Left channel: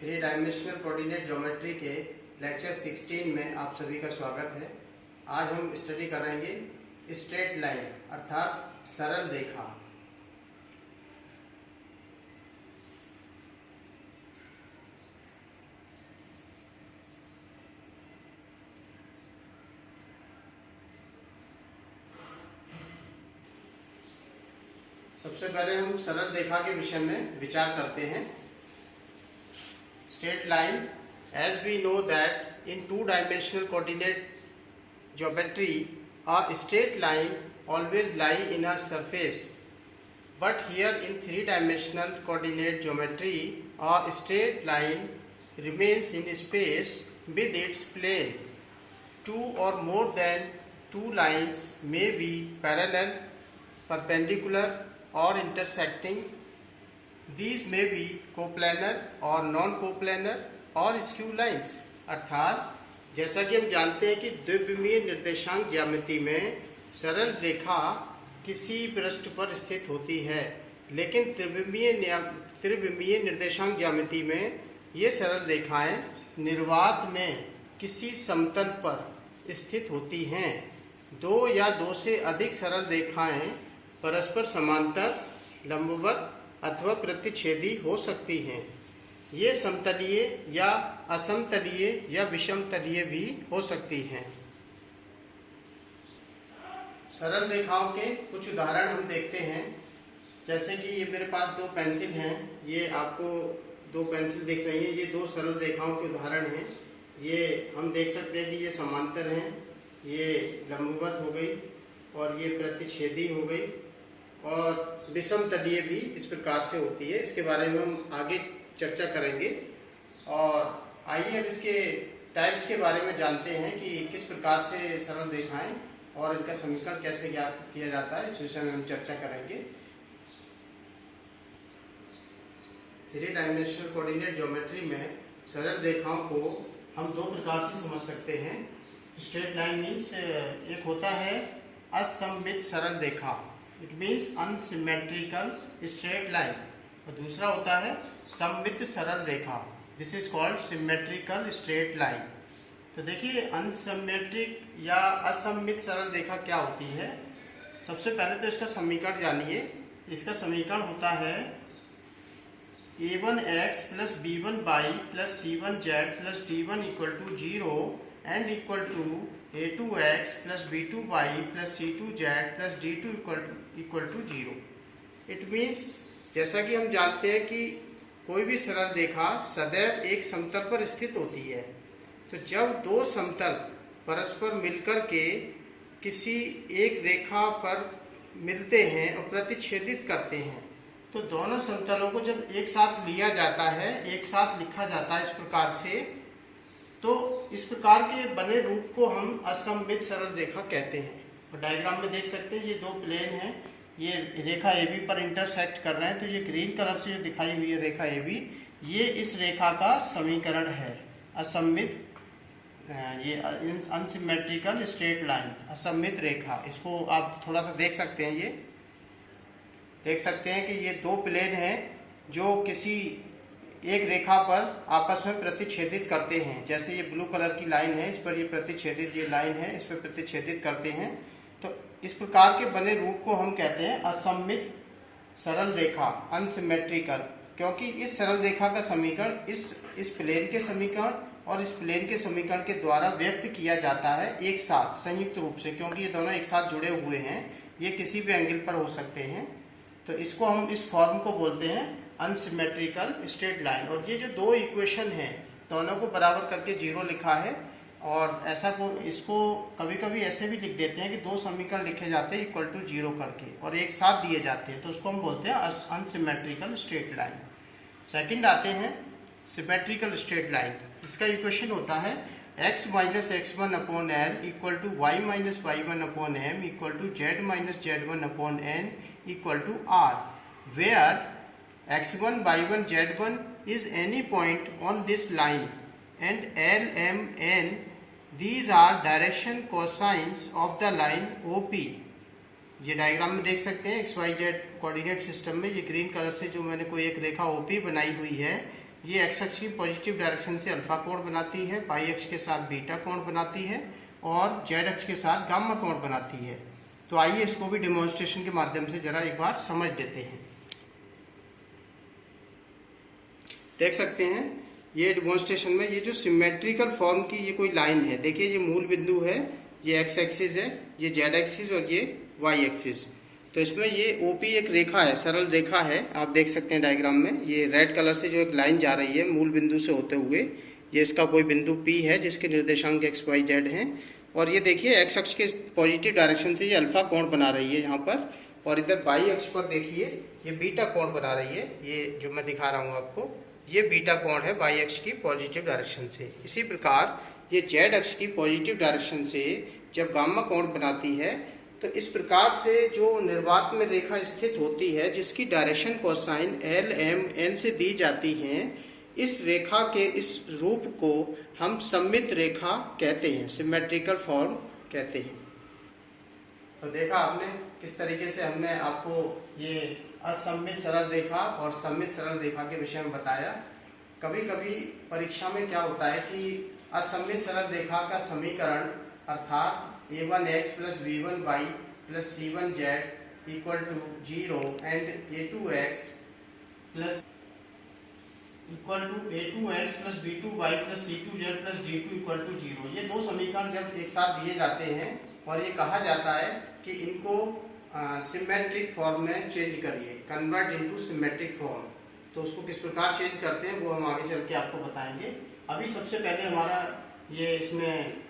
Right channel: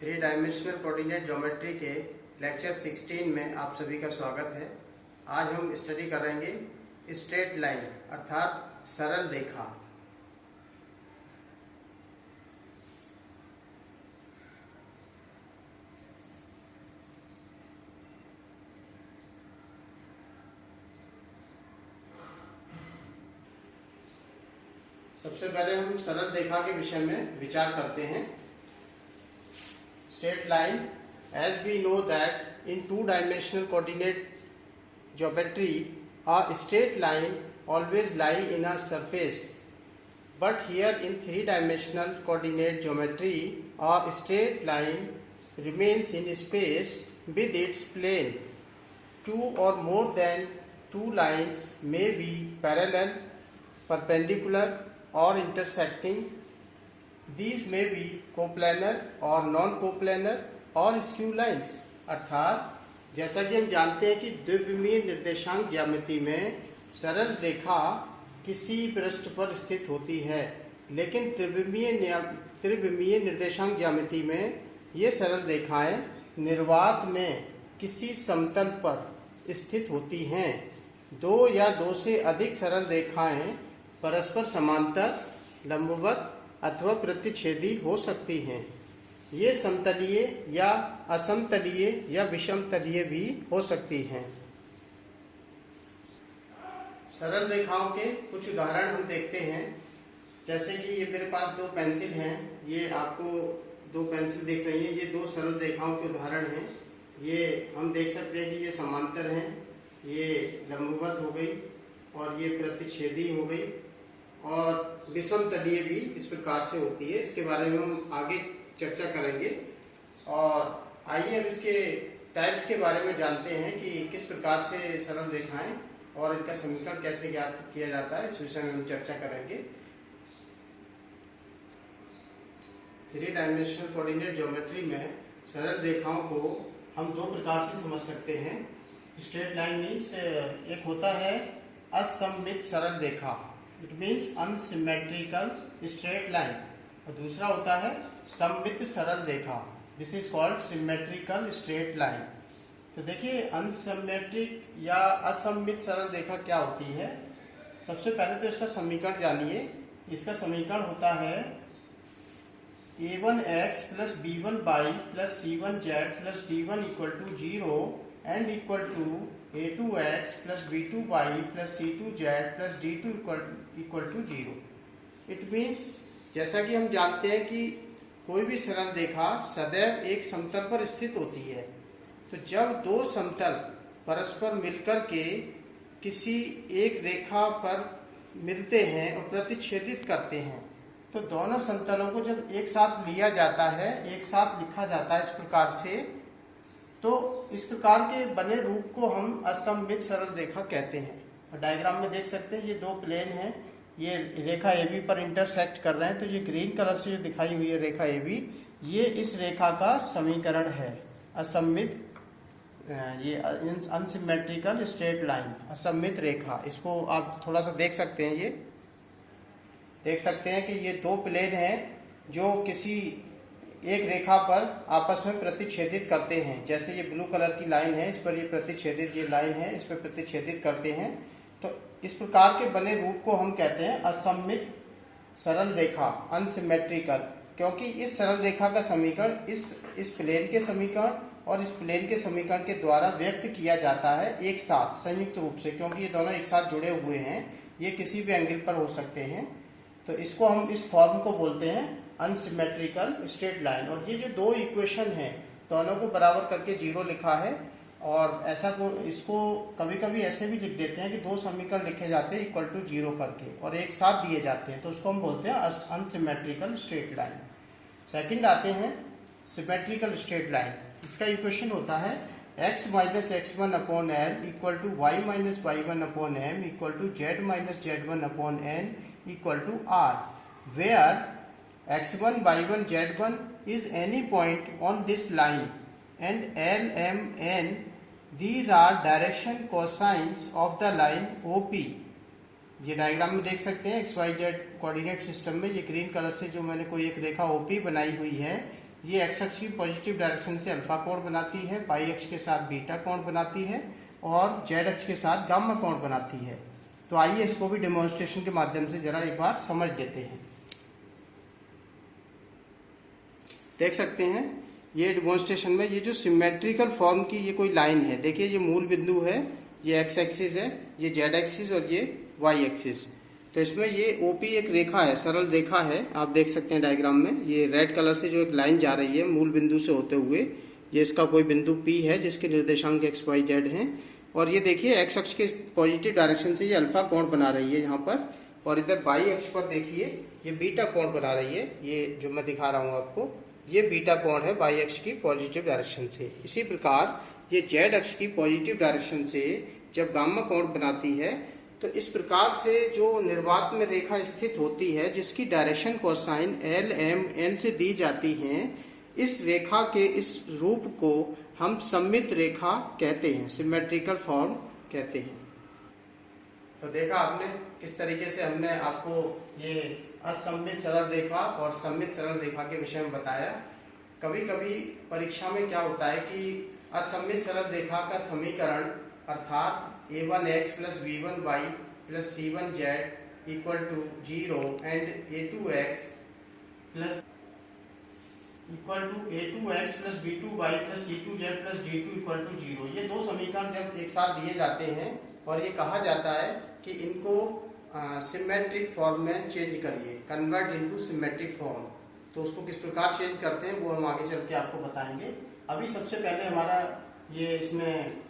Three dimensional coordinate geometry के lecture 16 में आप सभी का स्वागत है। आज हम स्टडी करेंगे स्ट्रेट लाइन अर्थात सरल रेखा। सबसे पहले हम सरल रेखा के विषय में विचार करते हैं। Straight line, as we know that in two-dimensional coordinate geometry, a straight line always lie in a surface. But here in three-dimensional coordinate geometry, a straight line remains in space with its plane. Two or more than two lines may be parallel, perpendicular, or intersecting. These may be coplanar और non coplanar और skew lines. अर्थात जैसा कि हम जानते हैं कि द्विविमीय निर्देशांक ज्यामिति में सरल रेखा किसी पृष्ठ पर स्थित होती है, लेकिन त्रिविमीय निर्देशांक ज्यामिति में ये सरल रेखाएं निर्वात में किसी समतल पर स्थित होती हैं। दो या दो से अधिक सरल रेखाएं परस्पर समांतर, लंबवत अथवा प्रतिच्छेदी हो सकती हैं। ये समतलीय या असमतलीय या विषमतलीय भी हो सकती हैं। सरल रेखाओं के कुछ उदाहरण हम देखते हैं। जैसे कि ये मेरे पास दो पेंसिल हैं, ये आपको दो पेंसिल दिख रही हैं, ये दो सरल रेखाओं के उदाहरण हैं। ये हम देख सकते हैं कि ये समांतर हैं, ये लंबवत हो गई और ये प्रतिच्छेदी हो गई, और विषमतलीय भी इस प्रकार से होती है। इसके बारे में हम आगे चर्चा करेंगे। और आइए अब इसके टाइप्स के बारे में जानते हैं कि किस प्रकार से सरल रेखाएं और इनका समीकरण कैसे ज्ञात किया जाता है। इस विषय में हम चर्चा करेंगे। थ्री डायमेंशनल कोऑर्डिनेट ज्योमेट्री में सरल रेखाओं को हम दो प्रकार से समझ सकते हैं। स्ट्रेट लाइन मीन्स एक होता है असममित सरल रेखा, it means unsymmetrical straight line, और दूसरा होता है सममित सरल रेखा, this is called symmetrical straight line. तो देखिए अनसिमेट्रिक या असममित सरल रेखा क्या होती है। सबसे पहले तो इसका समीकरण जानिए। इसका समीकरण होता है a1x plus b1y plus c1z plus d1 equal to 0 and equal to a2x plus b2y plus c2z plus d2 equal to 0। It means जैसा कि हम जानते हैं कि कोई भी सरल रेखा सदैव एक समतल पर स्थित होती है। तो जब दो समतल परस्पर मिलकर के किसी एक रेखा पर मिलते हैं और प्रतिच्छेदित करते हैं, तो दोनों समतलों को जब एक साथ लिया जाता है, एक साथ लिखा जाता है इस प्रकार से, तो इस प्रकार के बने रूप को हम असममित सरल रेखा कहते हैं। और डायग्राम में देख सकते हैं ये दो प्लेन हैं, ये रेखा AB पर इंटरसेक्ट कर रहे हैं। तो ये ग्रीन कलर से जो दिखाई हुई है रेखा AB, ये इस रेखा का समीकरण है। असममित, ये अनसिमेट्रिकल स्ट्रेट लाइन, असममित रेखा। इसको आप थोड़ा सा देख सकते हैं। ये देख सकते हैं कि ये दो प्लेन हैं जो किसी एक रेखा पर आपस में प्रतिच्छेदित करते हैं। जैसे ये ब्लू कलर की लाइन है, इस पर ये प्रतिच्छेदित, ये लाइन है, इस पर प्रतिच्छेदित करते हैं। तो इस प्रकार के बने रूप को हम कहते हैं असममित सरल रेखा, अनसिमेट्रिकल, क्योंकि इस सरल रेखा का समीकरण इस प्लेन के समीकरण और इस प्लेन के समीकरण के द्वारा व्यक्त किया जाता है एक साथ, संयुक्त रूप से, क्योंकि ये दोनों एक साथ जुड़े हुए हैं। ये किसी भी एंगल पर हो सकते हैं। तो इसको हम इस फॉर्म को बोलते हैं अनसिमेट्रिकल स्ट्रेट लाइन। और ये जो दो इक्वेशन हैं, दोनों को बराबर करके 0 लिखा है। और ऐसा को इसको कभी कभी ऐसे भी लिख देते हैं कि दो समीकरण लिखे जाते हैं इक्वल टू 0 करके और एक साथ दिए जाते हैं, तो उसको हम बोलते हैं अनसिमेट्रिकल स्ट्रेट लाइन। सेकंड आते हैं सिमेट्रिकल स्ट्रेट लाइन। इसका इक्वेशन होता है x minus x1 upon l equal to y minus y1 upon m equal to z minus z1 upon n equal to r, where x1 y1 z1 is any point on this line and l m n these are direction cosines of the line OP। ये diagram में देख सकते हैं XYZ coordinate system में ये green colour से जो मैंने कोई एक रेखा OP बनाई हुई है, ये एक्स अक्ष की पॉजिटिव डायरेक्शन से अल्फा कोण बनाती है, वाई अक्ष के साथ बीटा कोण बनाती है और जेड अक्ष के साथ गामा कोण बनाती है। तो आइए इसको भी डेमोन्स्ट्रेशन के माध्यम से जरा एक बार समझ लेते हैं। देख सकते हैं ये डेमोन्स्ट्रेशन में ये जो सिमेट्रिकल फॉर्म की ये कोई लाइन है, देखिए ये मूल बिंदु है, ये एक्स एक्सिस है, ये जेड एक्सिस और ये वाई एक्सिस। तो इसमें ये ओपी एक रेखा है, सरल रेखा है, आप देख सकते हैं डायग्राम में। ये रेड कलर से जो एक लाइन जा रही है मूल बिंदु से होते हुए, ये इसका कोई बिंदु पी है जिसके निर्देशांक एक्स वाई जेड हैं। और ये देखिए एक्स अक्ष के पॉजिटिव डायरेक्शन से ये अल्फा कोण बना रही है यहाँ पर, और इधर वाई अक्ष पर देखिए ये बीटा कोण बना रही है। ये जो मैं दिखा रहा हूँ आपको, ये बीटा कोण है वाई अक्ष की पॉजिटिव डायरेक्शन से। इसी प्रकार ये जेड अक्ष की पॉजिटिव डायरेक्शन से जब गामा कोण बनाती है तो इस प्रकार से जो निर्वात में रेखा स्थित होती है जिसकी direction cosine L M N से दी जाती है, इस रेखा के इस रूप को हम सममित रेखा कहते हैं, सिमेट्रिकल फॉर्म कहते हैं। तो देखा आपने किस तरीके से हमने आपको ये असममित सरल रेखा और सममित सरल रेखा के विषय में बताया। कभी कभी परीक्षा में क्या होता है कि असममित सरल रेखा का समीकरण अर्थात a1x plus b1y plus c1z equal to 0 and a2x plus b2y plus c2z plus d2 equal to 0, ये दो समीकरण जब एक साथ दिए जाते हैं और ये कहा जाता है कि इनको सिमेट्रिक फॉर्म में चेंज करिए, कन्वर्ट इनटू सिमेट्रिक फॉर्म। तो उसको किस प्रकार चेंज करते हैं वो हम आगे चल के आपको बताएंगे। अभी सबसे पहले हमारा ये इसमें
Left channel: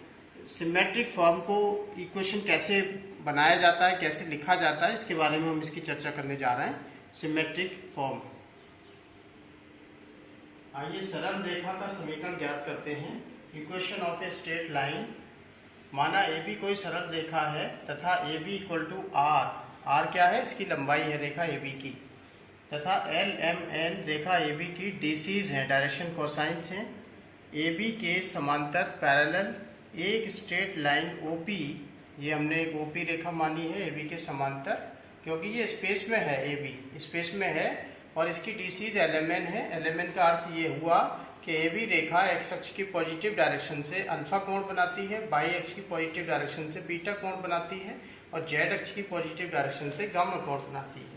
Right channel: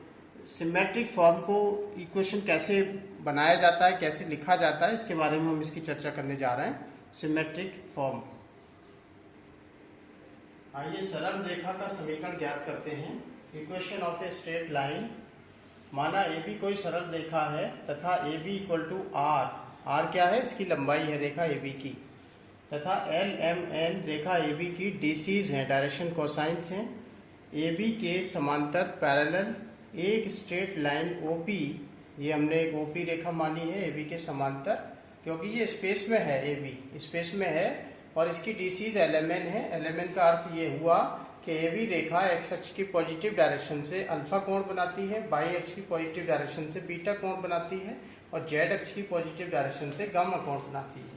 सिमेट्रिक फॉर्म को इक्वेशन कैसे बनाया जाता है, कैसे लिखा जाता है, इसके बारे में हम इसकी चर्चा करने जा रहे हैं। सिमेट्रिक फॉर्म, आइए सरल रेखा का समीकरण ज्ञात करते हैं। Equation of a straight line, माना ए बी कोई सरल रेखा है तथा A B equal to R, R क्या है, इसकी लंबाई है रेखा ए बी की, तथा एल एम एन रेखा ए बी की डीसीज हैं, डायरेक्शन कोसाइंस हैं। ए बी के समांतर पैरेलल एक स्ट्रेट लाइन ओपी, ये हमने एक ओपी रेखा मानी है ए बी के समांतर, क्योंकि ये स्पेस में है, ए बी स्पेस में है और इसकी डीसीज एल एम एन है। एल एम एन का अर्थ ये हुआ कि ए बी रेखा एक्स अक्ष की पॉजिटिव डायरेक्शन से अल्फा कोण बनाती है, वाई अक्ष की पॉजिटिव डायरेक्शन से बीटा कोण बनाती है और जेड अक्ष की पॉजिटिव डायरेक्शन से गामा कोण बनाती है।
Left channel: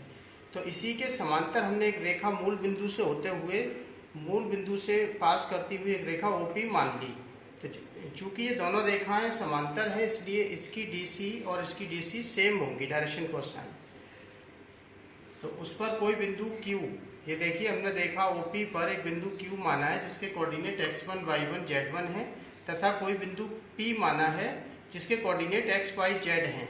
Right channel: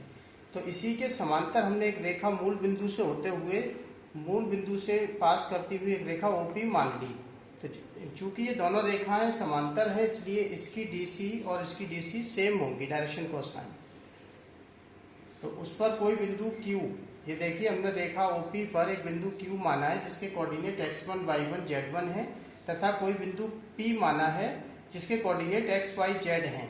तो इसी के समांतर हमने एक रेखा मूल बिंदु से होते हुए, मूल बिंदु से पास करती हुई एक रेखा ओपी मान ली। तो चूंकि ये दोनों रेखाएं समांतर हैं इसलिए इसकी डीसी और इसकी डीसी सेम होंगी, डायरेक्शन कोसाइन। तो उस पर कोई बिंदु Q, ये देखिए हमने रेखा OP पर एक बिंदु Q माना है जिसके कोऑर्डिनेट x1, y1, z1 है, तथा कोई बिंदु P माना है जिसके कोऑर्डिनेट x, y, z हैं।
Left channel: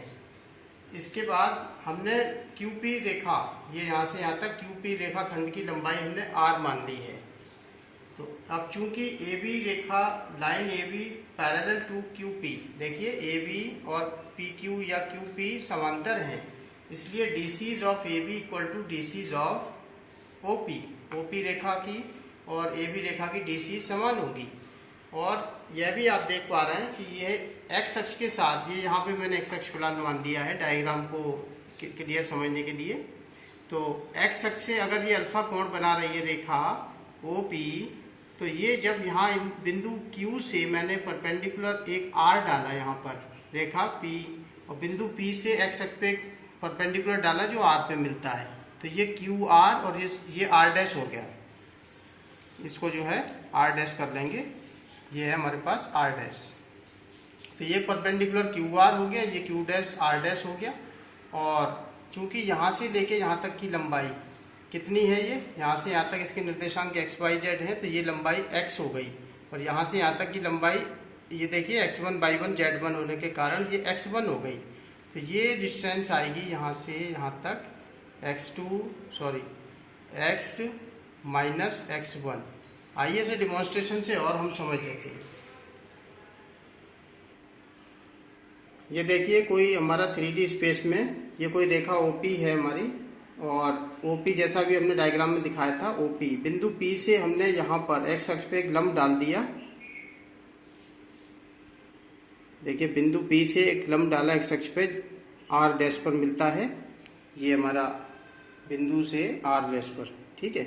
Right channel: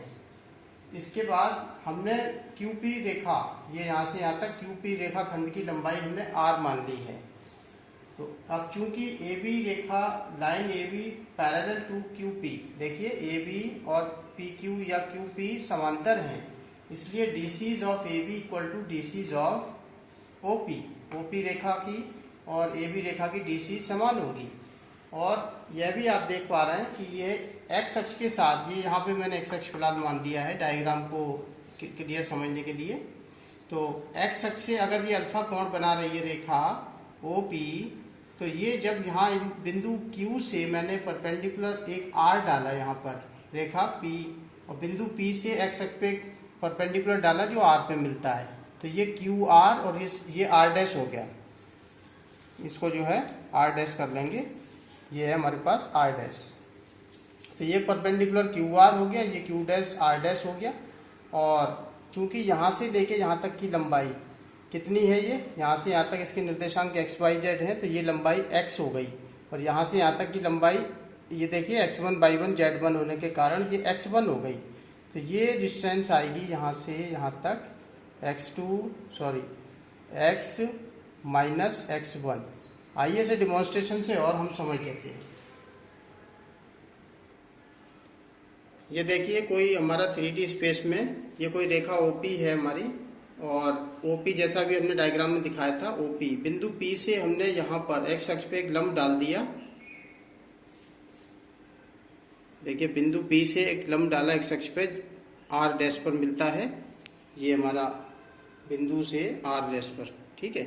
इसके बाद हमने QP रेखा, ये यहाँ से यहाँ तक QP रेखा खंड की लंबाई हमने r मान ली है। तो अब चूंकि AB रेखा line AB parallel to QP, देखिए AB और PQ या QP समांतर हैं, इसलिए DCs of AB equal to DCs of OP, OP रेखा की और AB रेखा की डीसी समान होगी। और यह भी आप देख पा रहे हैं कि ये एक्स अक्ष के साथ, ये यहाँ पे मैंने एक्स अक्ष फिलहाल मान लिया है डायग्राम को क्लियर समझने के लिए। तो एक्स अक्ष से अगर ये अल्फा कोण बना रही है रेखा OP, तो ये जब यहाँ बिंदु Q से मैंने परपेंडिकुलर एक R डाला यहाँ पर रेखा P, और बिंदु P से एक्स अक्ष पे परपेंडिकुलर डाला जो R पे मिलता है, तो ये QR और ये R डैश हो गया। इसको जो है R डैश कर लेंगे, ये है हमारे पास R डैश। तो ये परपेंडिकुलर QR हो गया, ये Q डैश R डैश हो गया। और चूंकि यहाँ से लेके यहाँ तक की लंबाई कितनी है, ये यहाँ से यहाँ तक इसके निर्देशांक x, y, z है, तो ये लंबाई x हो गई। और यहाँ से यहाँ तक की लंबाई ये देखिए x1, y1, z1 होने के कारण ये x1 हो गई। तो ये डिस्टेंस आएगी यहाँ से यहाँ तक x माइनस x1। आइए इसे डिमॉन्स्ट्रेशन से और हम समझ लेते हैं। ये देखिए कोई हमारा 3D स्पेस में ये कोई रेखा OP है हमारी, और OP जैसा भी हमने डायग्राम में दिखाया था, OP बिंदु P से हमने यहाँ पर x अक्ष पे एक लंब डाल दिया। देखिए बिंदु P से एक लंब डाला x अक्ष पे, R डैश पर मिलता है, ये हमारा बिंदु से R डैश पर, ठीक है।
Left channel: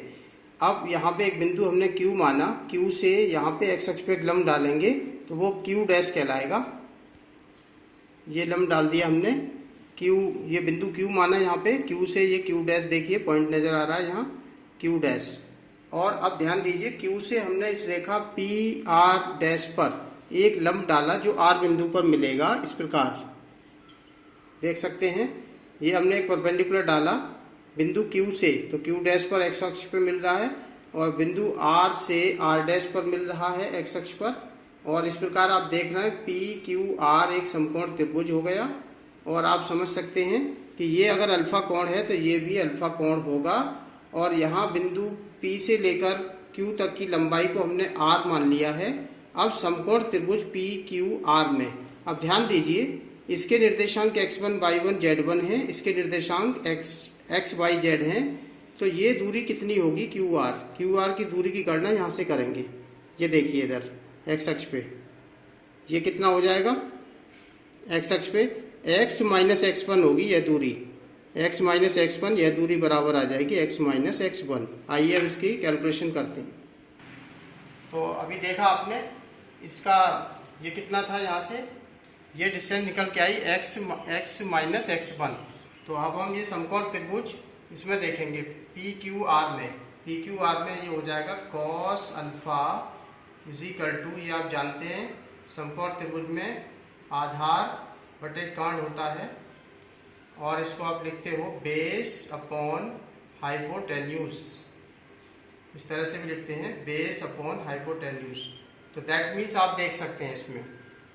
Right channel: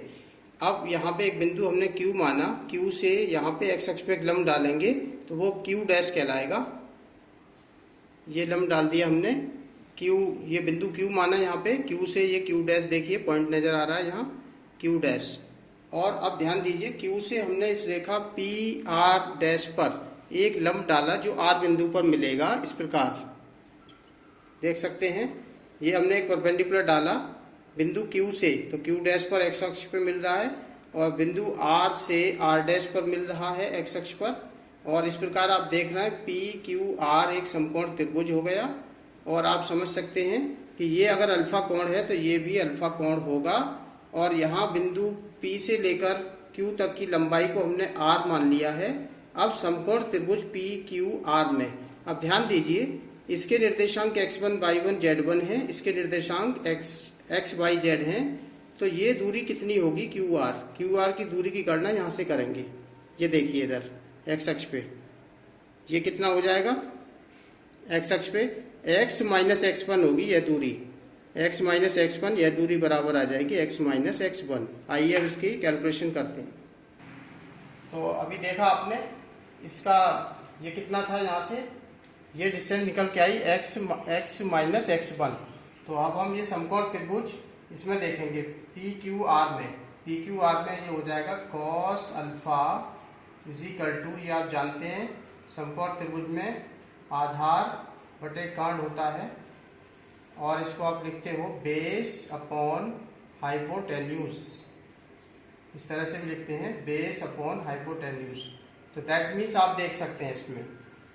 अब यहाँ पे एक बिंदु हमने Q माना, Q से यहाँ पे एक्स अक्ष पे एक लंब डालेंगे तो वो Q डैश कहलाएगा। ये लंब डाल दिया हमने Q, ये बिंदु Q माना यहाँ पे, Q से ये Q डैश देखिए पॉइंट नजर आ रहा है यहाँ Q डैश। और अब ध्यान दीजिए Q से हमने इस रेखा P R डैश पर एक लंब डाला जो R बिंदु पर मिलेगा। इस प्रकार देख सकते हैं, ये हमने एक परपेंडिकुलर डाला बिंदु Q से, तो Q डैश पर एक्स अक्ष पर मिल रहा है और बिंदु R से R डैश पर मिल रहा है एक्स अक्ष पर। और इस प्रकार आप देख रहे हैं पी क्यू आर एक समकोण त्रिभुज हो गया। और आप समझ सकते हैं कि ये अगर अल्फा कोण है तो ये भी अल्फा कोण होगा। और यहाँ बिंदु P से लेकर Q तक की लंबाई को हमने R मान लिया है। अब समकोण त्रिभुज पी क्यू आर में अब ध्यान दीजिए, इसके निर्देशांक x1 y1 z1 है, इसके निर्देशांक x y z हैं। तो ये दूरी कितनी होगी क्यू आर की दूरी की गणना यहाँ से करेंगे। ये देखिए इधर एक्स अक्ष पे ये कितना हो जाएगा, एक्स अक्ष पे x माइनस x1 होगी यह दूरी, x माइनस x1 यह दूरी बराबर आ जाएगी x माइनस x1। आइए अब इसकी कैलकुलेशन करते हैं। तो अभी देखा आपने इसका ये कितना था, यहाँ से ये डिस्टेंस निकल के आई x माइनस x1। तो अब हम ये समकोण त्रिभुज इसमें देखेंगे पी क्यू आर में ये हो जाएगा cos alpha is equal to, ये आप जानते हैं समकोण त्रिभुज में आधार बटे कांड होता है और इसको आप लिखते हो बेस अपॉन हाइपोटेन्यूज, इस तरह से भी लिखते हैं बेस अपॉन हाइपोटेन्यूज। तो दैट मीन्स आप देख सकते हैं इसमें,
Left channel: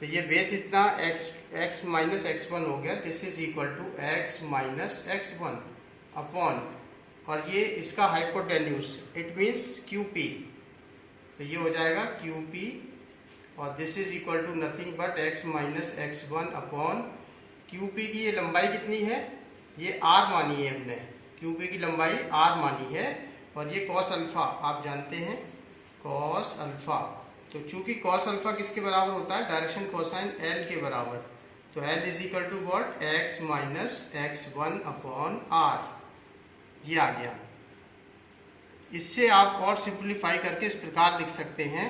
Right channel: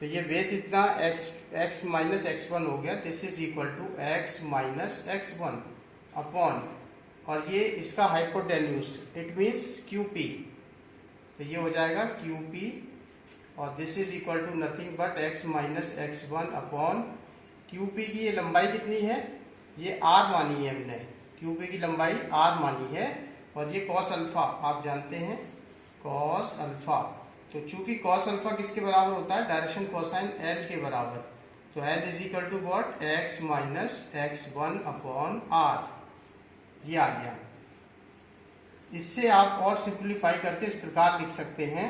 तो ये बेस इतना x माइनस x1 हो गया, this is equal to x minus x1 upon, और ये इसका हाइपोटेन्यूज इट मीन्स QP, तो ये हो जाएगा QP और this is equal to nothing but x minus x1 upon QP की ये लंबाई कितनी है, ये R मानी है हमने, QP की लंबाई R मानी है। और ये कॉस अल्फा आप जानते हैं कॉस अल्फा, तो चूंकि कॉस अल्फा किसके बराबर होता है, डायरेक्शन कोसाइन L के बराबर, तो L is equal to what x minus x1 upon R, ये आ गया। इससे आप और सिंप्लीफाई करके इस प्रकार लिख सकते हैं,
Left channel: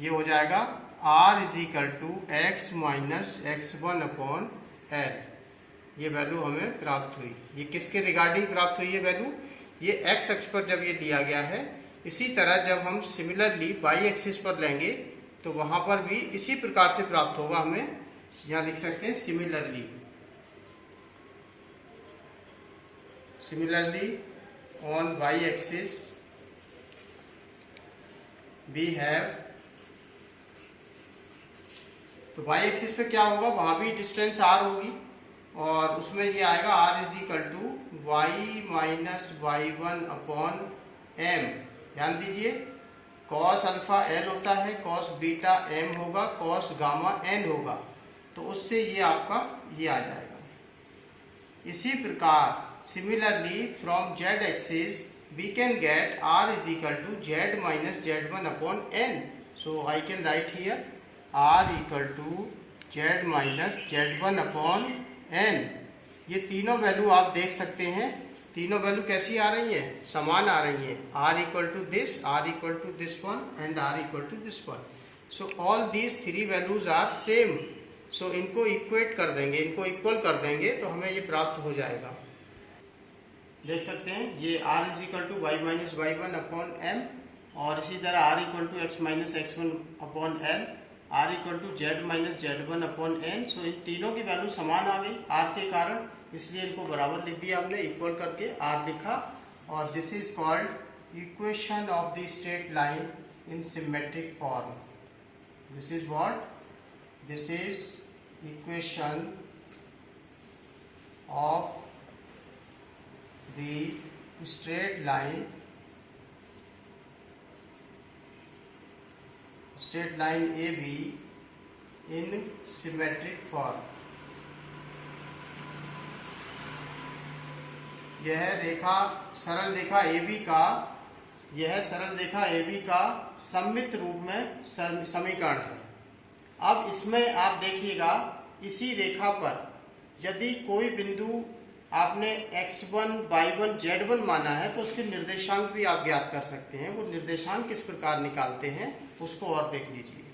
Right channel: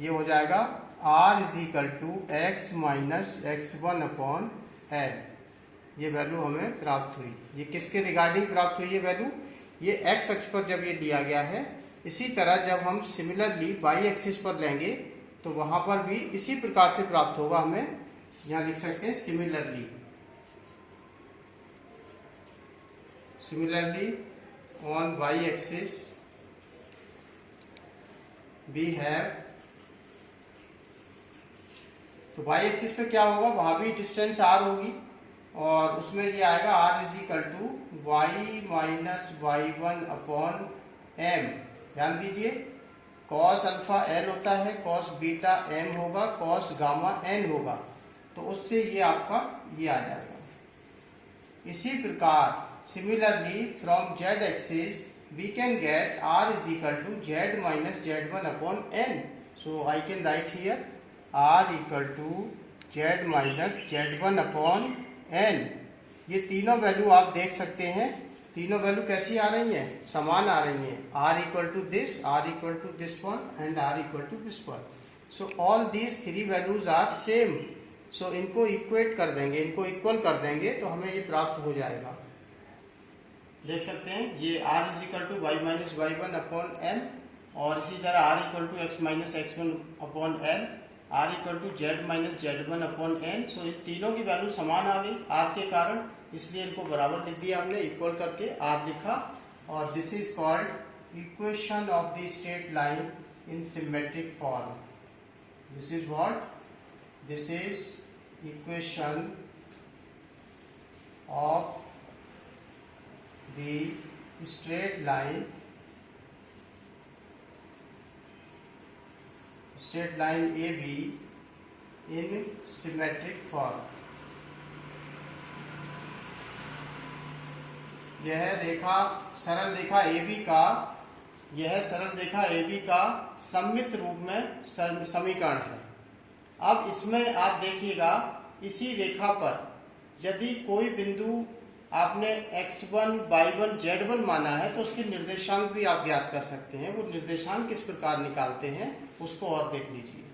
ये हो जाएगा R is equal to x minus x1 upon L, ये वैल्यू हमें प्राप्त हुई। ये किसके रिगार्डिंग प्राप्त हुई है वैल्यू, ये x अक्ष पर जब ये दिया गया है। इसी तरह जब हम सिमिलरली y एक्सिस पर लेंगे तो वहां पर भी इसी प्रकार से प्राप्त होगा। हमें यहां लिख सकते हैं similarly on y axis we have, तो y एक्सिस पे क्या होगा, वहां भी डिस्टेंस r होगी और उसमें ये आएगा r is equal to y minus y1 upon m। ध्यान दीजिए cos अल्फा L होता है, cos बीटा m होगा, cos गामा n होगा, तो उससे ये आपका ये आ जाएगा। इसी प्रकार similarly from z axis we can get r is equal to z minus z1 upon n, so I can write here r equal to z minus z1 upon n। ये तीनों वैल्यू आप देख सकते हैं, तीनों वैल्यू कैसी आ रही है, समान आ रही है, r equal to this, r equal to this one and r equal to this one. So all these three values are same, so इनको इक्वेट कर देंगे, इनको इक्वल कर देंगे तो हमें ये प्राप्त हो जाएगा। देख सकते हैं ये r is equal to y minus y1 upon n और इसी तरह r equal to x minus x1 upon n, r equal to z minus z1 upon n। So इन तीनों की वैल्यू समान आ गई r के कारण, इसलिए इनको बराबर लिख दिया हमने, इक्वल करके r लिखा। और this is called equation of the straight line in symmetric form. This is what, this is equation of the straight line AB in symmetric form। यह रेखा सरल रेखा AB का, यह सरल रेखा AB का सममित रूप में समीकरण है। अब इसमें आप देखिएगा, इसी रेखा पर यदि कोई बिंदु आपने x1, y1, z1 माना है तो उसके निर्देशांक भी आप ज्ञात कर सकते हैं। वो निर्देशांक किस प्रकार निकालते हैं उसको और देख लीजिए।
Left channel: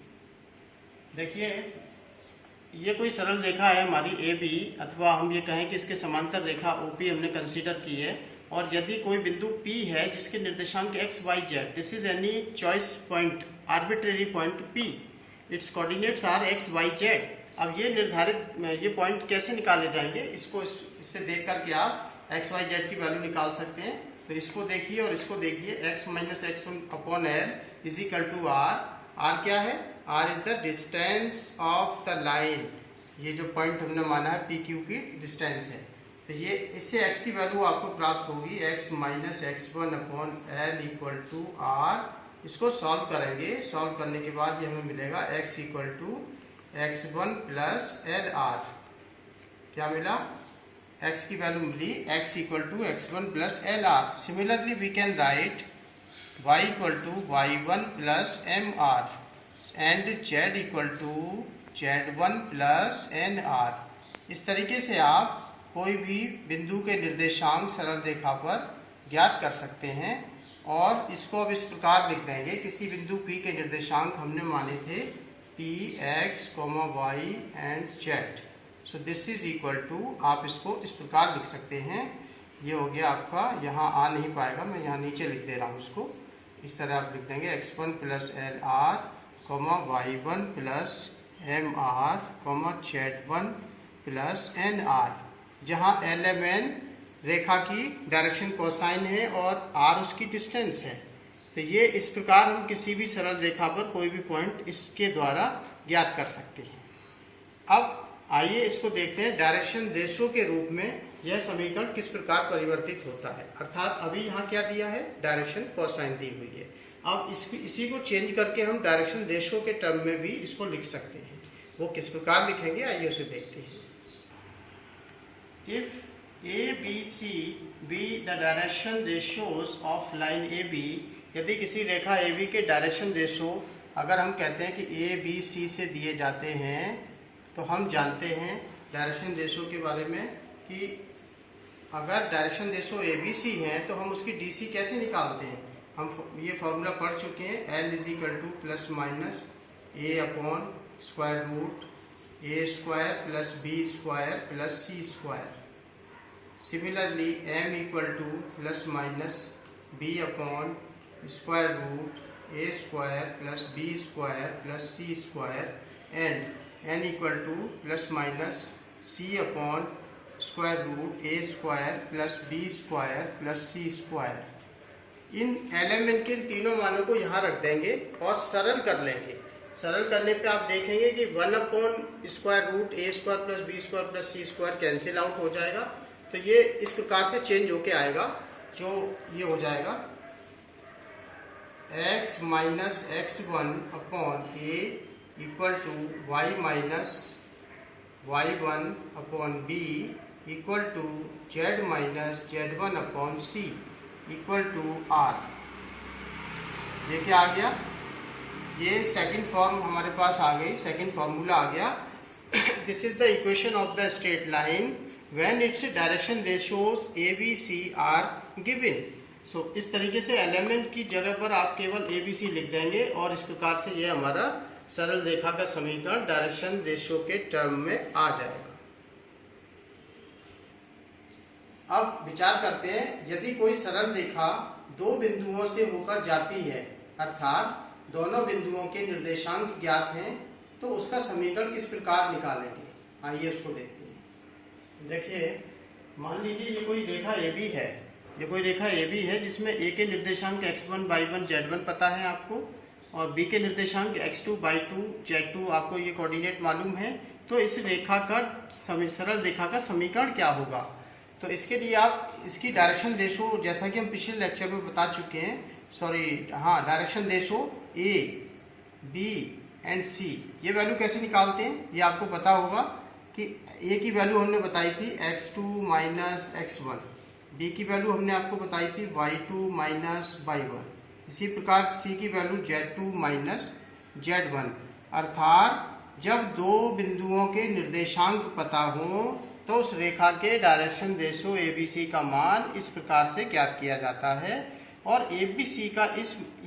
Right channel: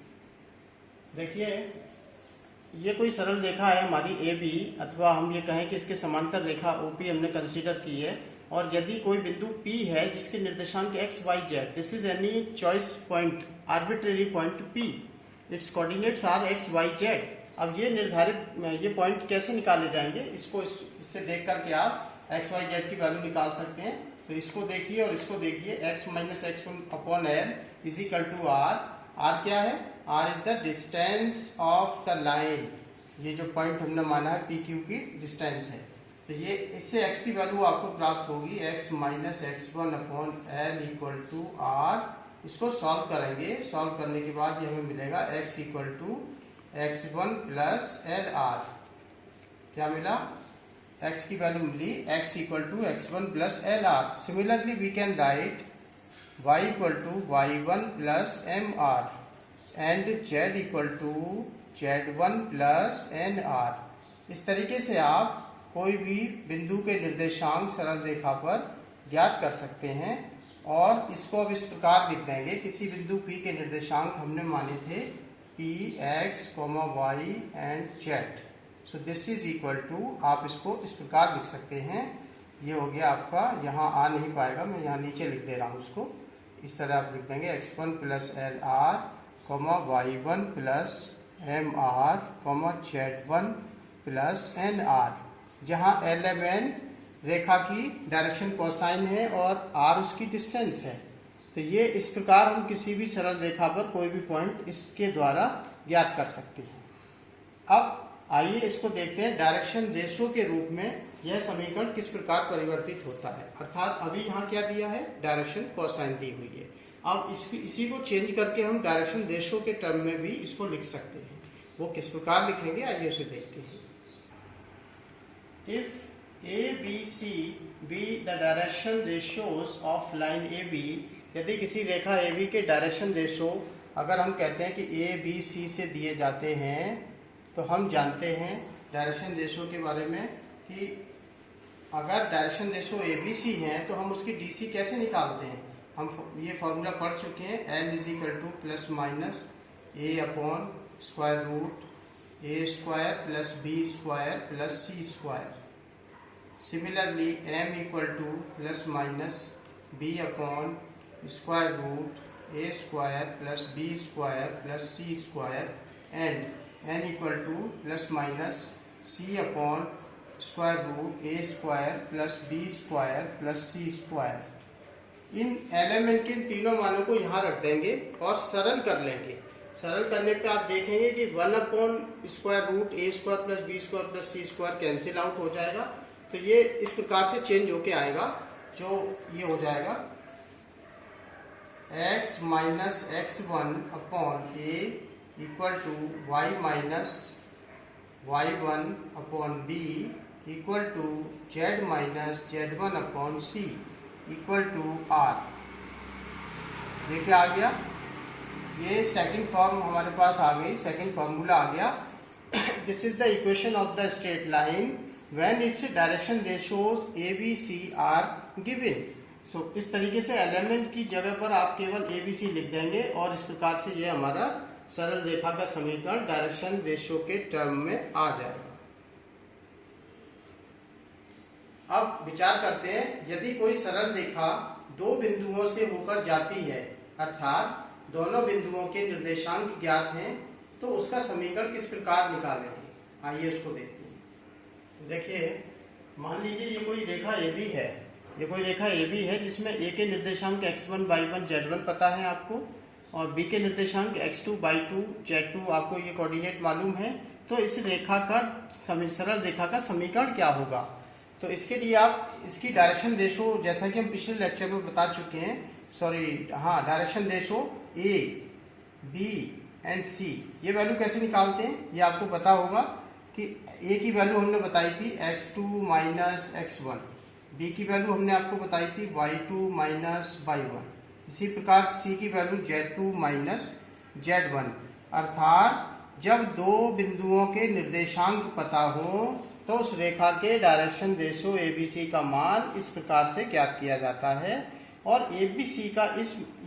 देखिए, ये कोई सरल रेखा है हमारी ए बी, अथवा हम ये कहें कि इसके समांतर रेखा OP हमने कंसीडर की है। और यदि कोई बिंदु P है जिसके निर्देशांक x, y, z, this is any choice point, arbitrary point P, its coordinates are x, y, z। अब ये निर्धारित ये पॉइंट कैसे निकाले जाएंगे, इसको इससे देख करके आप x, y, z की वैल्यू निकाल सकते हैं। तो इसको देखिए और इसको देखिए, x minus x1/L is equal to r। r क्या है? r is the distance of the line. ये जो पॉइंट हमने माना है PQ की डिस्टेंस है। तो ये इससे x की वैल्यू आपको प्राप्त होगी x minus x1/L equal to r। इसको सॉल्व करेंगे, सॉल्व करने के बाद ये हमें मिलेगा x equal to x1 plus LR। क्या मिला? x की वैल्यू मिली x equal to x1 plus LR। Similarly we can write y equal to y1 plus MR and z equal to z1 plus NR। इस तरीके से आप कोई भी बिंदु के निर्देशांक सरल रेखा पर ज्ञात कर सकते हैं। और इसको अब इस प्रकार लिख देंगे, किसी बिंदु P के निर्देशांक हमने माने थे P, x, y and z। So this is equal to, आप इसको इस प्रकार लिख सकते हैं। ये हो गया आपका, यहाँ आ नहीं पाएगा, मैं यहाँ नीचे लिख दे रहा हूँ इसको। इस तरह आप लिख देंगे x1 plus LR, y1 plus MR, z1 plus NR, जहाँ LMN रेखा की डायरेक्शन कोसाइन है और R उसकी डिस्टेंस है। तो ये इस प्रकार हम किसी भी सरल रेखा पर कोई भी पॉइंट इसके द्वारा ज्ञात कर सकते हैं। अब आइए इसको देखते हैं, डायरेक्शन रेशो के रूप में यह समीकरण किस प्रकार परिवर्तित होता है। अर्थात अभी यहाँ क्या दिया है? डायरेक्शन कोसाइन दी हुई है। अब इसी को चेंज करके हम डायरेक्शन रेशो के टर्म में भी इसको लिख सकते हैं। वो किस प्रकार लिखेंगे, आइए उसे देखते हैं। If ABC be the direction ratios of line AB, यदि किसी रेखा AB के डायरेक्शन रेशो अगर हम कहते हैं कि ABC से दिए जाते हैं, तो हम जानते हैं डायरेक्शन रेशो के बारे में कि अगर डायरेक्शन रेशो ABC है तो हम उसकी DC कैसे निकालते हैं। हम ये फॉर्मूला पढ़ चुके हैं, L is equal to plus minus A upon square root A square plus B square plus C square. Similarly m equal to plus minus b upon square root A square plus B square plus C square and n equal to plus minus c upon square root A square plus B square plus C square. इन element के तीनों मानों को यहाँ रख देंगे और सरल कर लेंगे। सरल करने पे आप देखेंगे कि 1 upon square root A square plus B square plus C square cancel out हो जाएगा। तो ये इस प्रकार से चेंज होके आएगा, जो ये हो जाएगा x minus x1 upon A equal to y minus y1 upon B equal to z minus z1 upon C equal to R। ये क्या आ गया? ये सेकंड फॉर्म हमारे पास आ गई, सेकंड फॉर्मूला आ गया। This is the equation of the straight line when its direction ratios ABC are given। So इस तरीके से एलिमेंट की जगह पर आप केवल ABC लिख देंगे और इस प्रकार से ये हमारा सरल रेखा का समीकरण डायरेक्शन रेशियो के टर्म में आ जाएगा। अब विचार करते हैं, यदि कोई सरल रेखा दो बिंदुओं से होकर जाती है, अर्थात दोनों बिंदुओं के निर्देशांक ज्ञात हैं, तो उसका समीकरण किस प्रकार निकालेंगे। आइए उसको देखते हैं। देखिए, मान लीजिए ये कोई रेखा AB है, ये कोई रेखा AB है जिसमें A के निर्देशांक x1, y1, z1 पता है आपको, और B के निर्देशांक x2, y2, z2 आपको ये कोऑर्डिनेट मालूम है। तो इस रेखा का सरल रेखा का समीकरण क्या होगा? तो इसके लिए आप इसकी डायरेक्शन रेशो, जैसा कि हम पिछले लेक्चर में बता चुके हैं, direction ratio A, B and C, ये वैल्यू कैसे निकालते हैं ये आपको पता होगा कि A की वैल्यू हमने बताई थी x2 माइनस x1, B की वैल्यू हमने आपको बताई थी y2 माइनस y1, इसी प्रकार C की वैल्यू z2 माइनस z1। अर्थात जब दो बिंदुओं के निर्देशांक पता हो तो उस रेखा के डायरेक्शन रेशो ABC का मान इस प्रकार से ज्ञात किया जाता है। और ABC का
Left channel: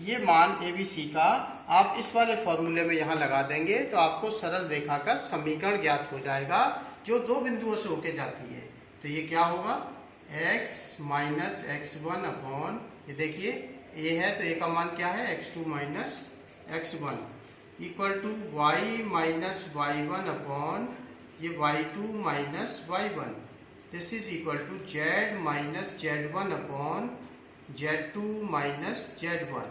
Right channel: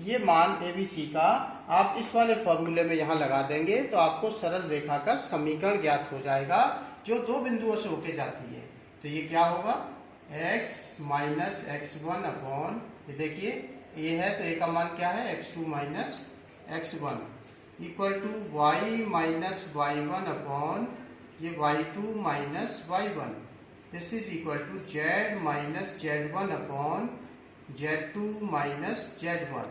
ये मान ABC का आप इस वाले फॉर्मूले में यहाँ लगा देंगे तो आपको सरल रेखा का समीकरण ज्ञात हो जाएगा जो दो बिंदुओं से होके जाती है। तो ये क्या होगा, x माइनस x1 अपॉन, ये देखिए a है तो a का मान क्या है, x2 minus x1 equal to y minus y1 upon ये y2 minus y1, this is equal to z minus z1 upon z2 minus z1.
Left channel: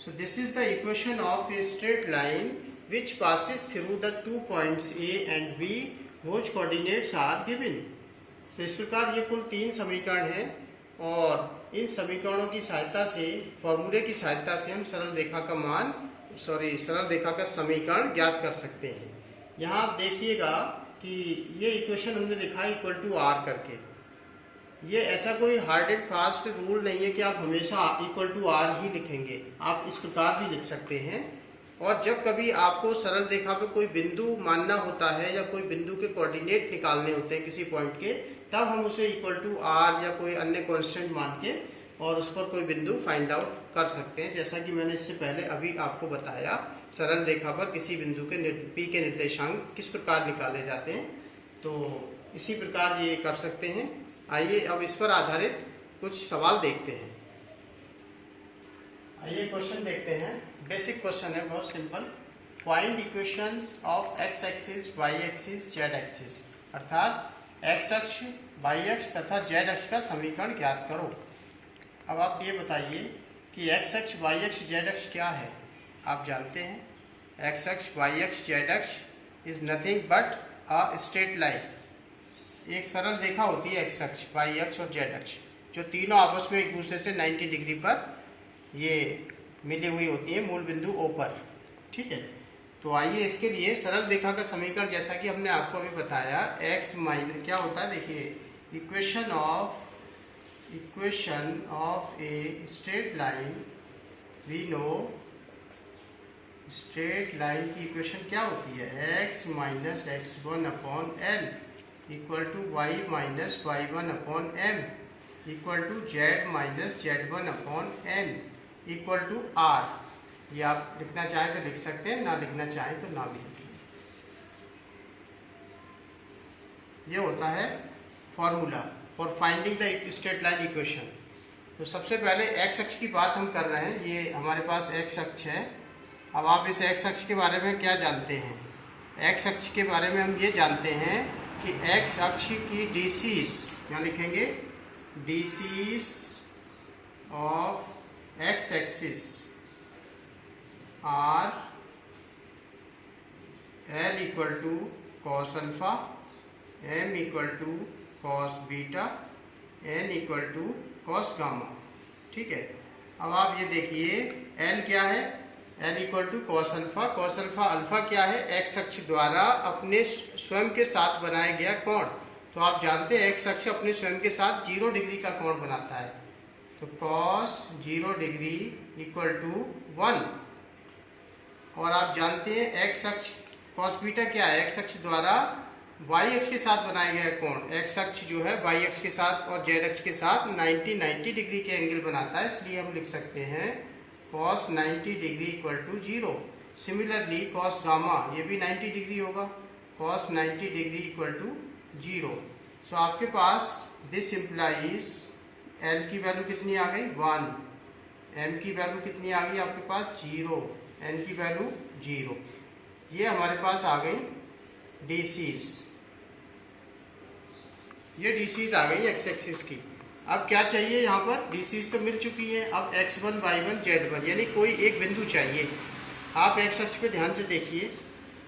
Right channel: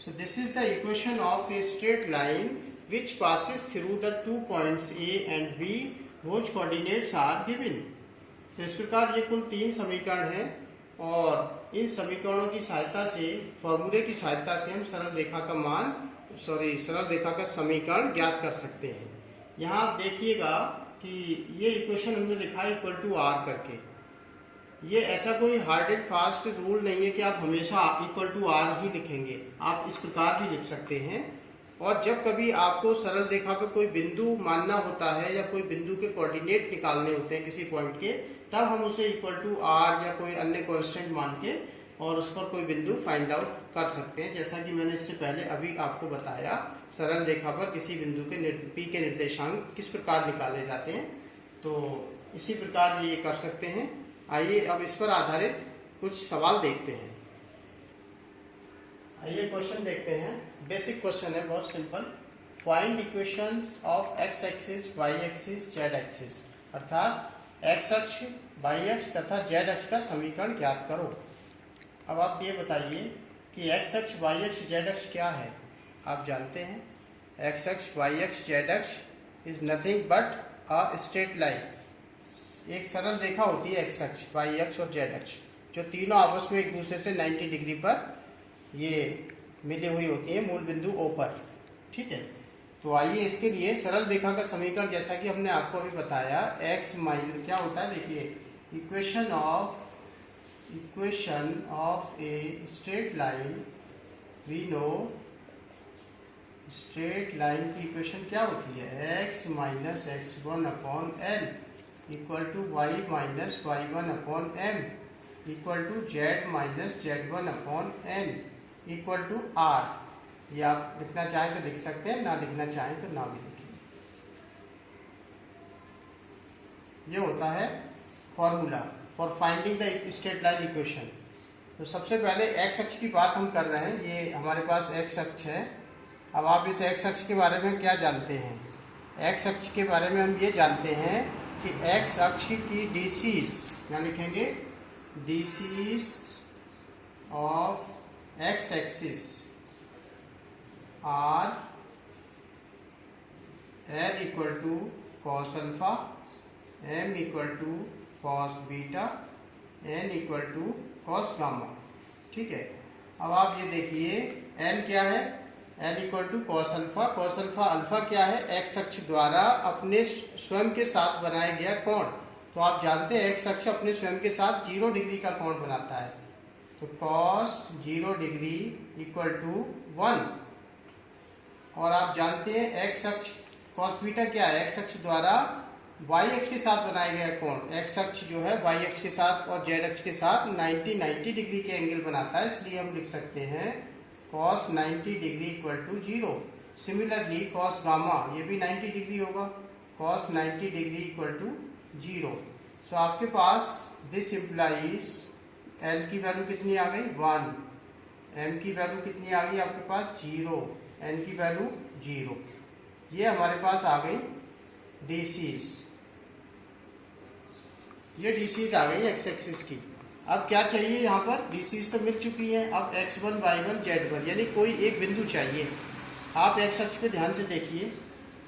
So this is the equation of a straight line which passes through the 2 points A and B whose coordinates are given. तो इस प्रकार ये कुल 3 समीकरण हैं और इन समीकरणों की सहायता से, फॉर्मूले की सहायता से हम सरल रेखा का समीकरण ज्ञात कर सकते हैं। यहाँ आप देखिएगा कि ये इक्वेशन हमने लिखा है इक्वल टू आर करके। ये ऐसा कोई हार्ड एंड फास्ट रूल नहीं है कि आप हमेशा इक्वल टू आर ही लिखेंगे, आप इस प्रकार भी लिख सकते हैं। और जब कभी आपको सरल रेखा पे कोई बिंदु मानना होता है या कोई बिंदु के कोऑर्डिनेट निकालने होते हैं किसी पॉइंट के, तब हम उसे इक्वल टू आर या कोई अन्य कांस्टेंट मान के और उस पर कोई बिंदु फाइंड आउट कर सकते हैं। जैसा कि मैंने इससे पहले अभी आपको बताया, सरल रेखा पर किसी बिंदु के पी के निर्देशांक किस प्रकार निकाले जाते हैं, तो इसी प्रकार ये कर सकते हैं। आइए अब इस पर आधारित कुछ सवाल देखते हैं। आइए क्वेश्चन देखते हैं। बेसिक क्वेश्चन है, बहुत simple. Find equations of X axis, Y axis, Z axis, अर्थात एक्स अक्ष, वाई अक्ष तथा जेड अक्ष का समीकरण ज्ञात करो। अब आप ये बताइए कि एक्स अक्ष, वाई अक्ष, जेड अक्ष क्या है। आप जानते हैं एक्स अक्ष, वाई अक्ष, जेड अक्ष is nothing but a straight line. एक सरल रेखा होती है एक्स अक्ष, वाई अक्ष और जेड अक्ष, जो तीनों आपस में एक दूसरे से 90 डिग्री पर ये मिली हुई होती है मूल बिंदु O पर, ठीक है। तो आइए इसके लिए सरल रेखा का समीकरण, जैसा कि हमने आपको अभी बताया, x माइनस क्या होता है, देखिए equation of a straight line, we know straight line की इक्वेशन क्या होती है, x minus x1 upon L equal to Y minus y1 upon m equal to z minus z1 upon n equal to r। ये आप लिखना चाहें तो लिख सकते हैं, ना लिखना चाहें तो ना भी लिखिए। ये होता है formula for finding the straight line equation. तो सबसे पहले एक्स अक्ष की बात हम कर रहे हैं, ये हमारे पास एक्स अक्ष है। अब आप इस एक्स अक्ष के बारे में क्या जानते हैं, एक्स अक्ष के बारे में हम ये जानते हैं कि एक्स अक्ष की डीसीज, क्या लिखेंगे, DCs of X axis are L equal to cos alpha, M equal to cos beta, N equal to cos gamma, ठीक है। अब आप ये देखिए एल क्या है, L equal to cos alpha. Cos alpha, alpha क्या है, एक्स अक्ष द्वारा अपने स्वयं के साथ बनाया गया कोण। तो आप जानते हैं एक्स अक्ष अपने स्वयं के साथ 0 डिग्री का कोण बनाता है, तो कॉस 0 डिग्री इक्वल टू 1। और आप जानते हैं एक्स अक्ष, कॉस बीटा क्या है, एक्स अक्ष द्वारा वाई अक्ष के साथ बनाया गया कोण। एक्स अक्ष जो है वाई अक्ष के साथ और जेड अक्ष के साथ 90 डिग्री के एंगल बनाता है, इसलिए हम लिख सकते हैं cos 90 degree equal to 0। Similarly cos gamma, ये भी 90 डिग्री होगा, cos 90 degree equal to 0। So आपके पास दिस इम्प्लाइज L की वैल्यू कितनी आ गई, 1, M की वैल्यू कितनी आ गई आपके पास, 0, N की वैल्यू 0। ये हमारे पास आ गई डीसीज, ये डीसीज आ गई एक्स एक्सिस की। अब क्या चाहिए, यहाँ पर डीसीज तो मिल चुकी है, अब x1, y1, z1 यानी कोई एक बिंदु चाहिए। आप एक्स अक्ष पे ध्यान से देखिए,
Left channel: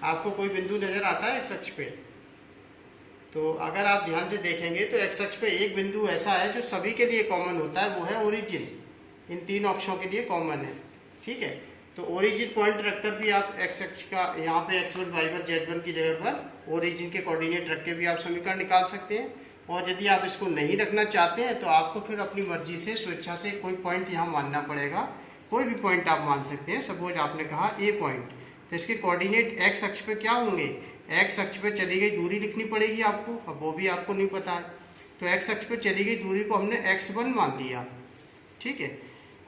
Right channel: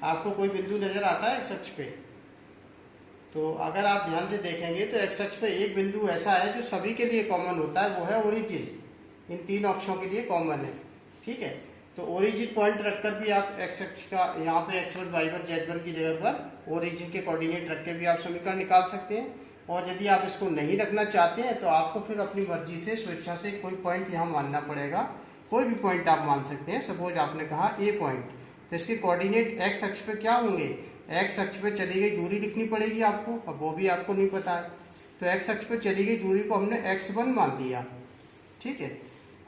आपको कोई बिंदु नजर आता है एक्स अक्ष पे, तो अगर आप ध्यान से देखेंगे तो एक्स अक्ष पे एक बिंदु ऐसा है जो सभी के लिए कॉमन होता है, वो है ओरिजिन। इन 3 अक्षों के लिए कॉमन है, ठीक है। तो ओरिजिन पॉइंट रखकर भी आप एक्स अक्ष का, यहाँ पे x1, y1, z1 की जगह पर ओरिजिन के कोऑर्डिनेट रख के भी आप समीकरण निकाल सकते हैं। और यदि आप इसको नहीं रखना चाहते हैं तो आपको फिर अपनी मर्जी से, स्वेच्छा से कोई पॉइंट यहाँ मानना पड़ेगा। कोई भी पॉइंट आप मान सकते हैं। सपोज आपने कहा ए पॉइंट, तो इसके कोऑर्डिनेट एक्स अक्ष पे क्या होंगे, एक्स अक्ष पे चली गई दूरी लिखनी पड़ेगी आपको, अब वो भी आपको नहीं पता है। तो एक्स अक्ष पे चली गई दूरी को हमने x1 मान लिया, ठीक है।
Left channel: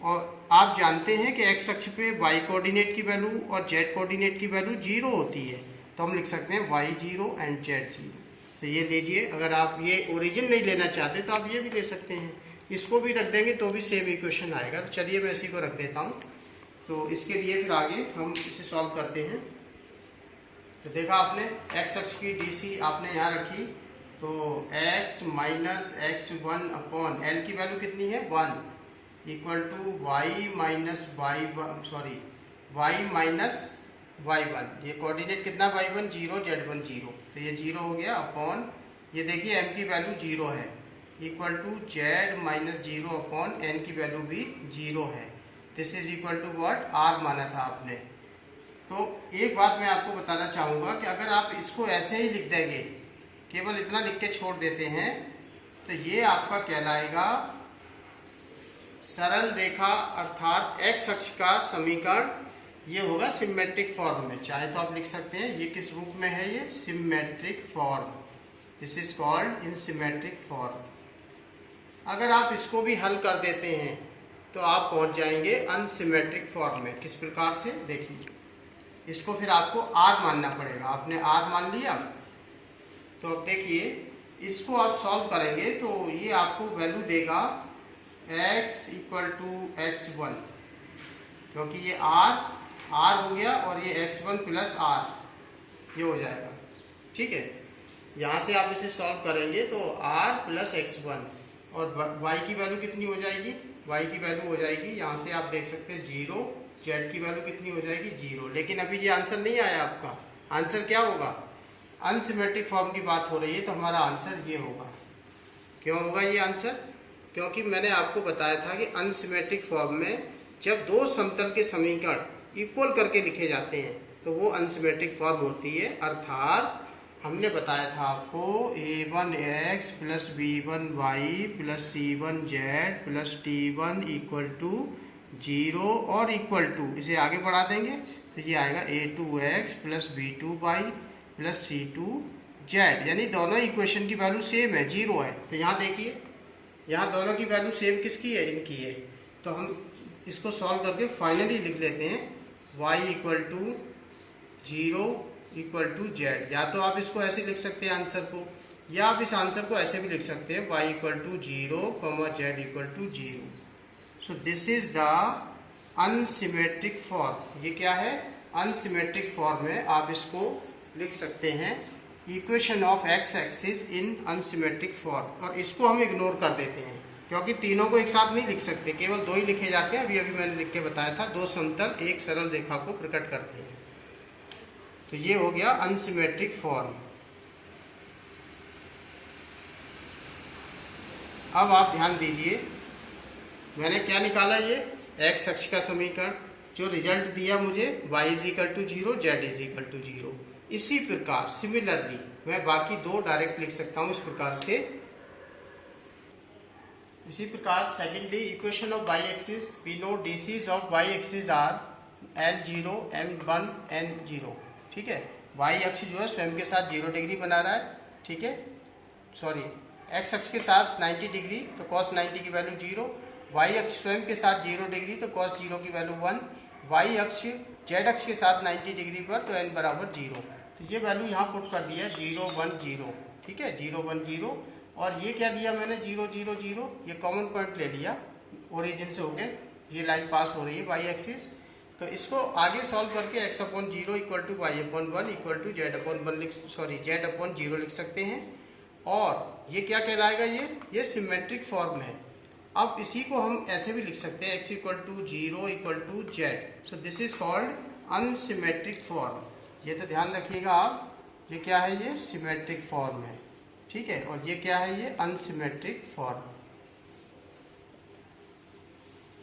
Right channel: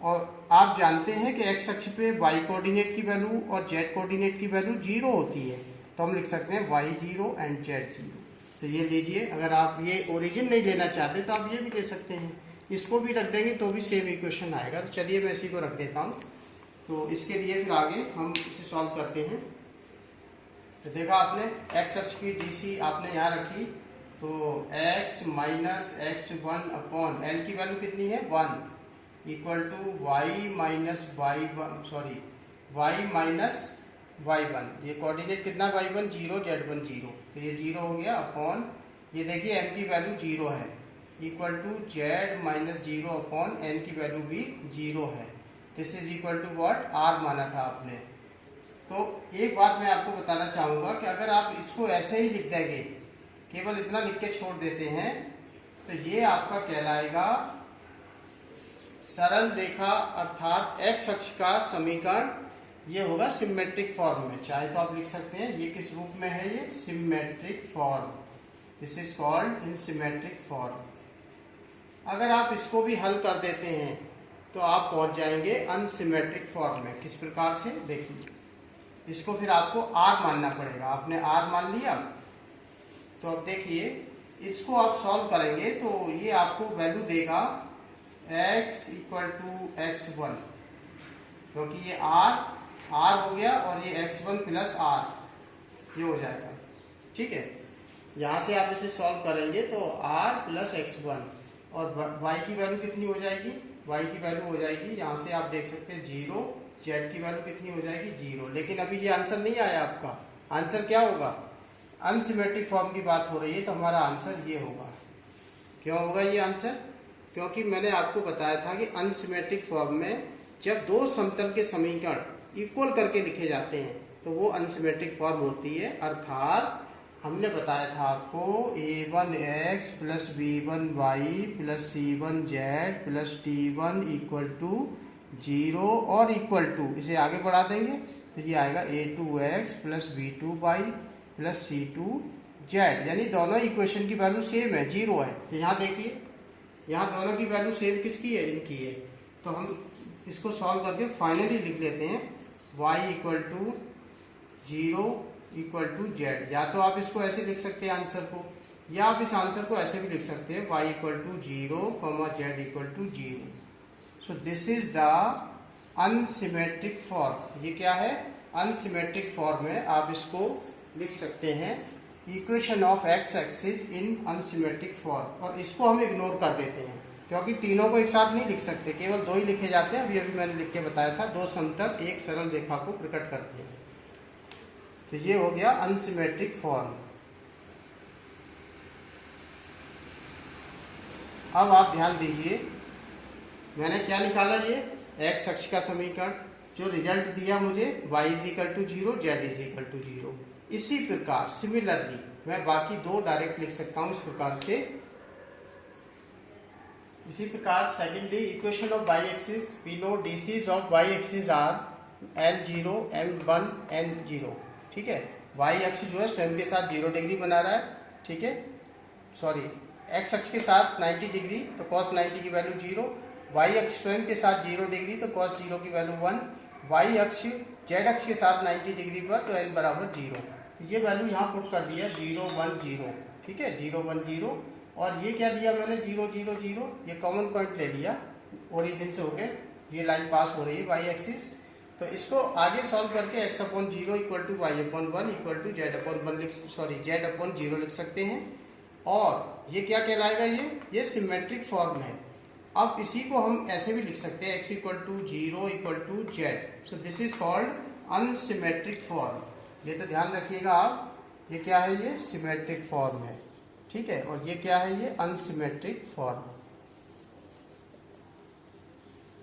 और आप जानते हैं कि एक्स अक्ष पे y कोऑर्डिनेट की वैल्यू और z कोऑर्डिनेट की वैल्यू 0 होती है, तो हम लिख सकते हैं y0 एंड z0। तो ये लीजिए, अगर आप ये ओरिजिन नहीं लेना चाहते तो आप ये भी ले सकते हैं, इसको भी रख देंगे तो भी सेम इक्वेशन आएगा। तो चलिए मैं इसी को रख देता हूँ। तो इसके लिए फिर आगे हम इसे सॉल्व करते हैं। तो देखा आपने x अक्ष की DC आपने यहाँ रखी, तो x minus x1 upon l की वैल्यू कितनी है 1 equal to y minus y minus y1। ये कोऑर्डिनेट कितना y1 0 z1 0, तो ये 0 हो गया अपॉन ये देखिए m की वैल्यू 0 है equal to z minus 0 upon n की वैल्यू भी 0 है। This is equal to what r माना था आपने। तो एक बात मैं आपको बताना चाहूंगा कि अगर आप इसको ऐसे ही लिख देंगे, केवल इतना लिख के छोड़ देते हैं, तो ये आपका कहलाएगा सरल रेखा अर्थात x अक्ष का समीकरण। ये होगा सिमेट्रिक फॉर्म में, चाहे तो आप लिख सकते हैं ये किस रूप में है, ये symmetric form, this is called in symmetric form. अगर आप इसको भी हल कर देते हैं तो आप पहुंच जाएंगे अनसिमेट्रिक फॉर्म में। किस प्रकार से, देखिए इसको फिर आपको r मानना पड़ेगा। आपने r मान लिया, तो अब देखिए इसको आप सॉल्व करेंगे तो ये आपको वैल्यू देगा x इक्वल टू x1, क्योंकि ये r हो गया और ये x1 प्लस r ये हो जाएगा, ठीक है। यहाँ से आप इसे सॉल्व करेंगे तो r प्लस x1 और y की वैल्यू कितनी हो जाएगी, y की वैल्यू हो जाएगी, यहाँ से आप देख सकते हैं 0, z की वैल्यू कितनी हो जाएगी 0। लेकिन अभी ये आंसर नहीं आया आपका, आंसर क्या होगा, अनसिमेट्रिक फॉर्म की बात हो रही है, तो हमारा आंसर ये होगा। क्यों होगा ये आंसर, क्योंकि मैंने आपको बताया था कि अनसिमेट्रिक फॉर्म में जब दो समतल के समीकरण इक्वल करके लिखे जाते हैं तो वो अनसिमेट्रिक फॉर्म होती है। अर्थात हमने बताया था आपको a1x plus b1y plus c1z plus d1 equal to 0 और इक्वल टू, इसे आगे बढ़ा देंगे तो ये आएगा a2x plus b2y plus c2z, यानी दोनों इक्वेशन की वैल्यू सेम है, 0 है। तो यहाँ देखिए, यहाँ दोनों की वैल्यू सेम किसकी है, इनकी है। तो हम इसको सॉल्व करके फाइनली लिख लेते हैं y equal to 0 equal to z। या तो आप इसको ऐसे लिख सकते हैं आंसर को, या आप इस आंसर को ऐसे भी लिख सकते हैं y equal to 0 z equal to 0। So this is the unsymmetric form. ये क्या है, अनसिमेट्रिक फॉर्म है। आप इसको लिख सकते हैं equation of x axis in unsymmetric form, और इसको हम इग्नोर कर देते हैं क्योंकि तीनों को एक साथ नहीं लिख सकते, केवल दो ही लिखे जाते हैं। अभी मैंने लिख के बताया था, दो समतल एक सरल रेखा को प्रकट करते हैं। तो ये हो गया अनसिमेट्रिक फॉर्म। अब आप ध्यान दीजिए, मैंने क्या निकाला, ये x अक्ष का समीकरण, जो रिजल्ट दिया मुझे y is equal to 0 z is equal to 0। इसी प्रकार सिमिलरली मैं बाकी दो डायरेक्ट लिख सकता हूं इस प्रकार से। इसी प्रकार secondly equation of y axis, we know DCs of y axis are L0 M1 N0, ठीक है। y अक्ष जो है स्वयं के साथ 0 डिग्री बना रहा है, ठीक है, सॉरी x अक्ष के साथ 90 डिग्री, तो cos 90 की वैल्यू 0, y अक्ष स्वयं के साथ 0 डिग्री, तो cos 0 की वैल्यू 1, y अक्ष z अक्ष के साथ 90 डिग्री पर, तो n बराबर 0। तो ये वैल्यू यहाँ पुट कर दिया 0 1 0, ठीक है, 0 1 0। और ये क्या लिया मैंने 0 0 0, ये कॉमन पॉइंट ले लिया, ओरिजिन से होकर ये लाइन पास हो रही है y एक्सिस। तो इसको आगे सॉल्व करके x upon 0 equal to y upon 1 equal to z upon 1 z upon 0 लिख सकते हैं। और ये क्या कहलाएगा, ये सिमेट्रिक फॉर्म है। अब इसी को हम ऐसे भी लिख सकते हैं x equal to 0 equal to z। So this is called unsymmetric form. ये तो ध्यान रखिएगा आप, ये क्या है, ये सिमेट्रिक फॉर्म है, ठीक है, और ये क्या है, ये अनसिमेट्रिक फॉर्म।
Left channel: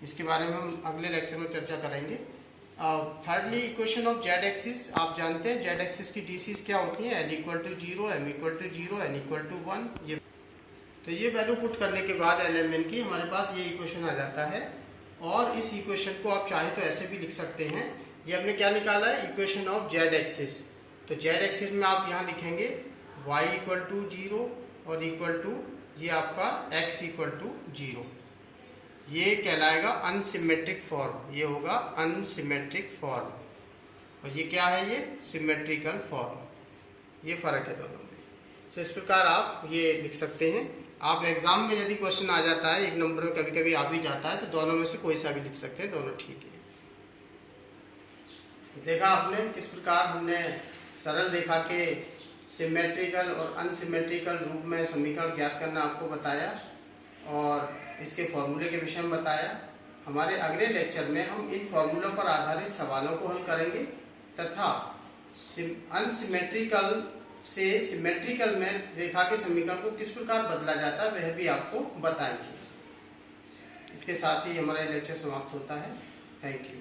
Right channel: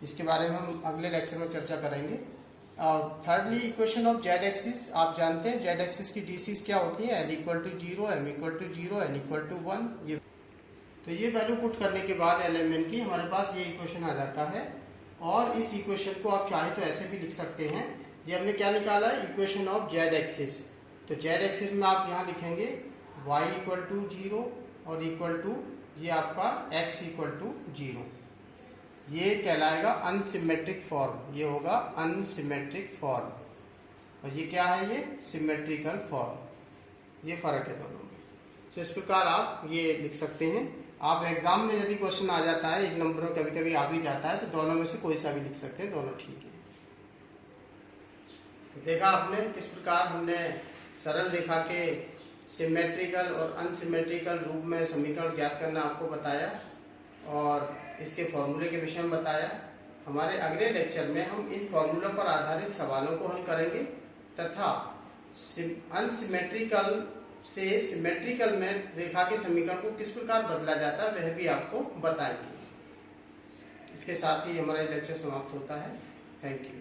इसके बारे में हम अगले लेक्चर में चर्चा करेंगे। Thirdly equation of Z axis, आप जानते हैं जेड एक्सिस की डीसीज क्या होती है, l equal to 0 m equal to 0 n equal to 1। ये तो ये वैल्यू पुट करने के बाद LMN की हमारे पास ये इक्वेशन आ जाता है। और इस इक्वेशन को आप चाहे तो ऐसे भी लिख सकते हैं, ये हमने क्या निकाला है, इक्वेशन ऑफ जेड एक्सिस। तो जेड एक्सिस में आप यहाँ लिखेंगे y इक्वल टू 0 और इक्वल टू ये आपका x इक्वल टू 0। ये कहलाएगा अनसिमेट्रिक फॉर्म, ये होगा अनसिमेट्रिक फॉर्म। और ये क्या है, ये सिमेट्रिकल फॉर्म। ये फर्क है दोनों में। तो इस प्रकार आप ये लिख सकते हैं। आप एग्जाम में यदि क्वेश्चन आ जाता है, एक नंबर में कभी कभी आ भी जाता है, तो दोनों में से कोई सा भी लिख सकते हैं, दोनों ठीक है। देखा आपने किस प्रकार हमने सरल रेखा के सिमेट्रिकल और अनसिमेट्रिकल रूप में समीकरण ज्ञात करना आपको बताया और इसके फॉर्मूले के विषय में बताया। हमारे अगले लेक्चर में हम इन फॉर्मूलों पर आधारित सवालों को हल करेंगे तथा अनसिमेट्रिकल से सिमेट्रिकल में रेखा के समीकरण को किस प्रकार बदला जाता है वह भी आपको बताएंगे। इसके साथ ही हमारा लेक्चर समाप्त होता है। Thank you.